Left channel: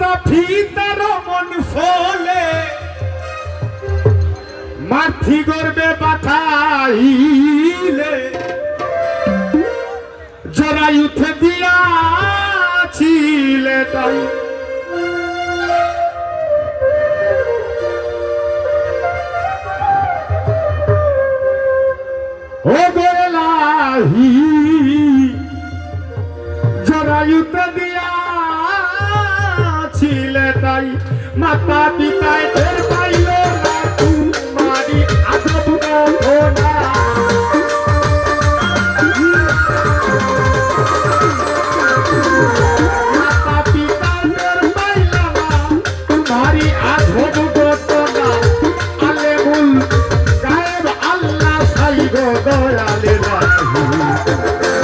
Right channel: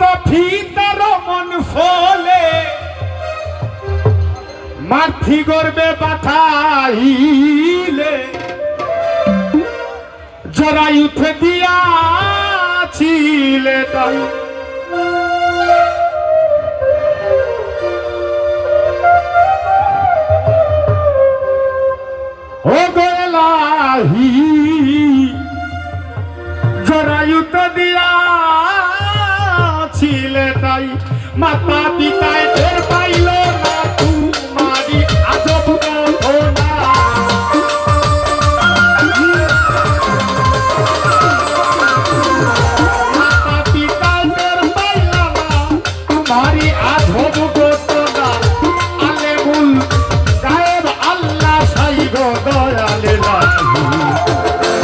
তো ফিতার মন ফলে মাথি গর্বে পাঠাইলে জরাই উঠে দিয়াছিলে তাই ও বেলাহি জরায়ুতে দিয়াছিলে তাই মাতা পিতায় টের পাইল না তোমারি আজব ঘটনা মাতা পিতায় টের পাইল না তোমারি আজব ঘটনা আলেমুল গায়েব আল্লাহ সাই গো দয়ালে লাহি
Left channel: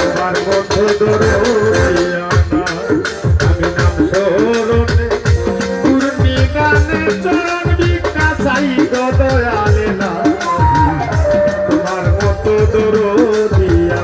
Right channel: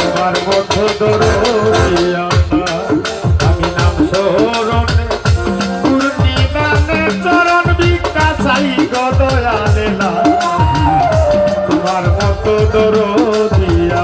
তোমার মতো দরদিয়া আমি নাম শরণে পূর্ণিমানে চরণ ভিক্ষা চাই গো দয়ালে লাহি তোমার মতো দরদিয়া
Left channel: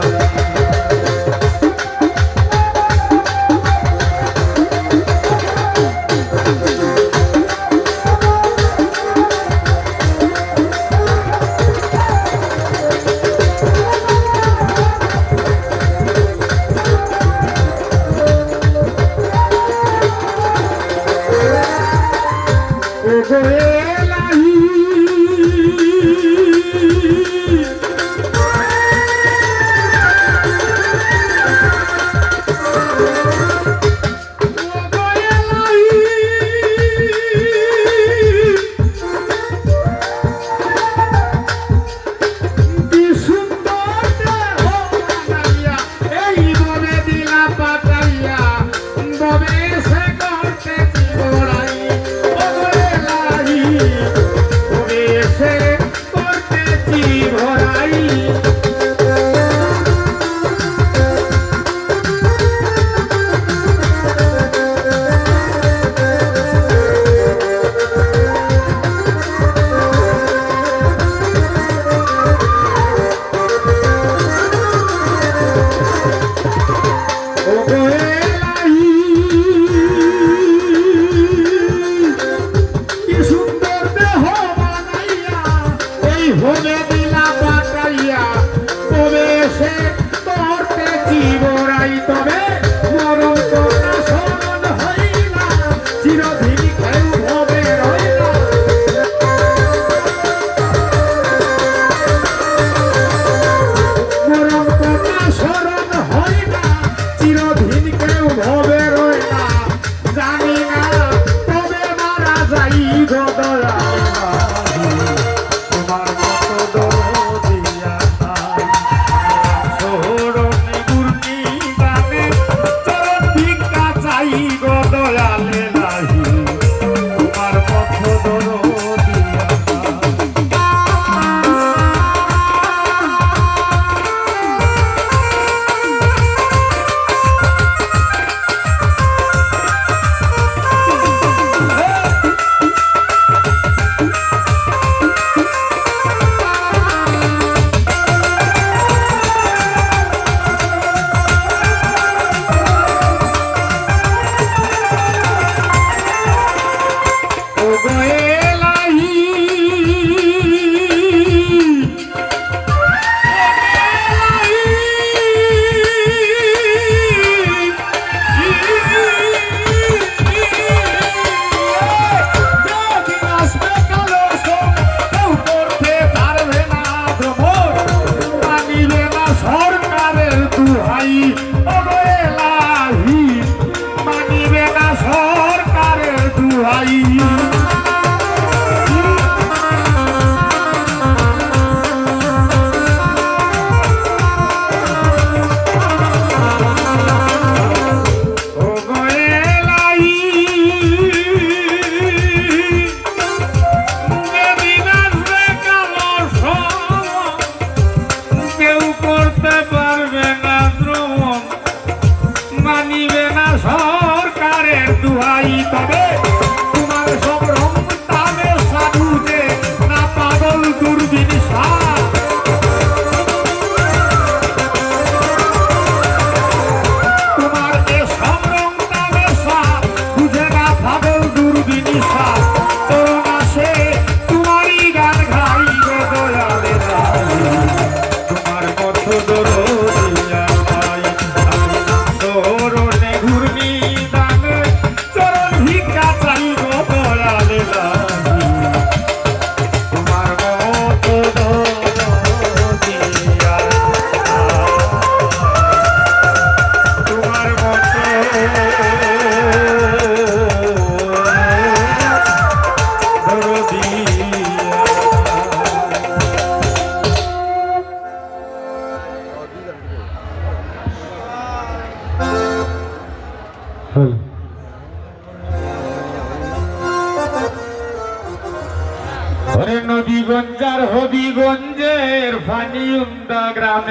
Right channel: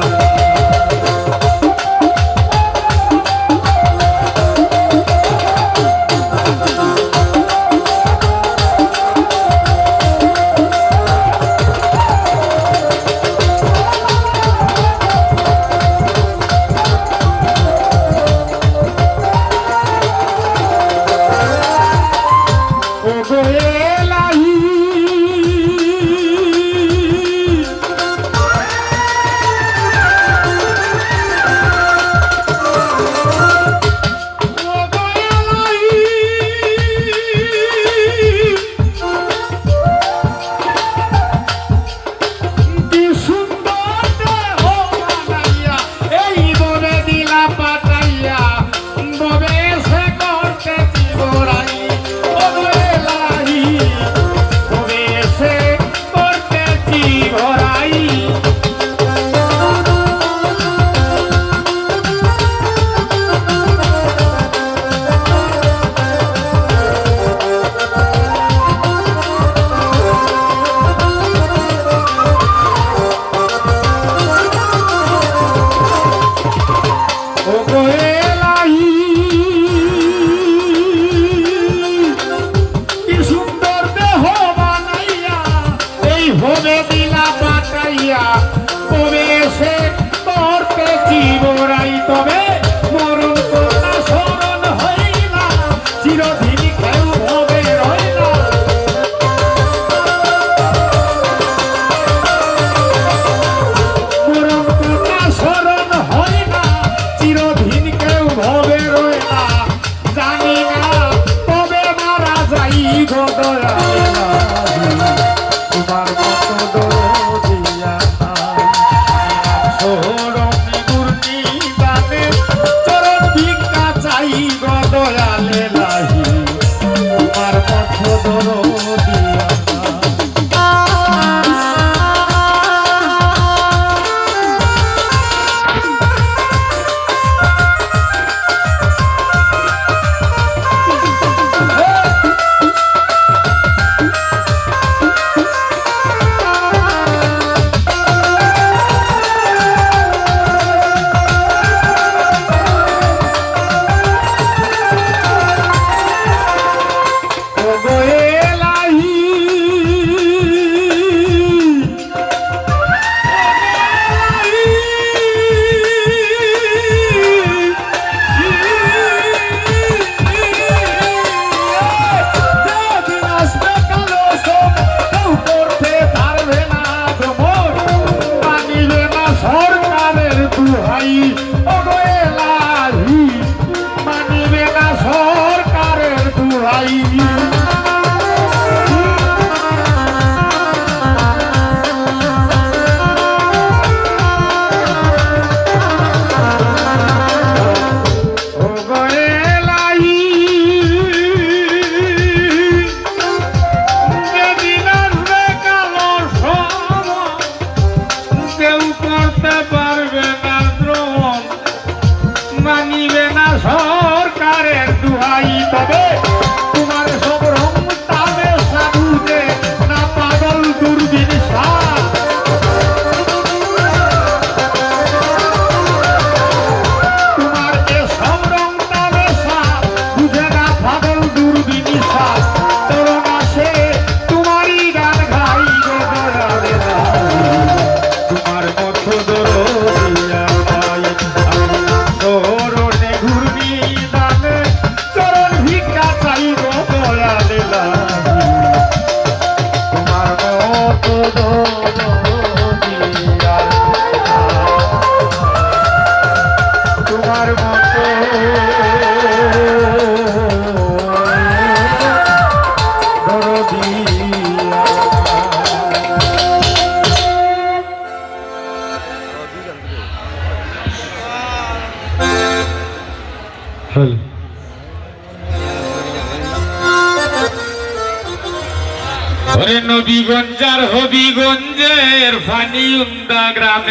ভোলে দিলা পাঠাইয়া তবে সে করতে জীবরাই তবে মরণ কথা স্মরণ হইলা চিরদিন কেউ ভবে রইলা মরণ কথা স্মরণ হইলা চিরদিন কেউ ভবে রইলা জানি না তবে মারা যাই গো দয়ালেলা তোমার মতো দরদিয়া শরণে পূর্ণিমানে চরণ ভিক্ষা চাই গো দয়ালে লাহি তোমার মতো দরদিয়া সরকারের দুহাই তবে তোমার হ্যালো ওরে নবীগঞ্জ আর হবিগঞ্জের ফানি উন্দা গ্রামে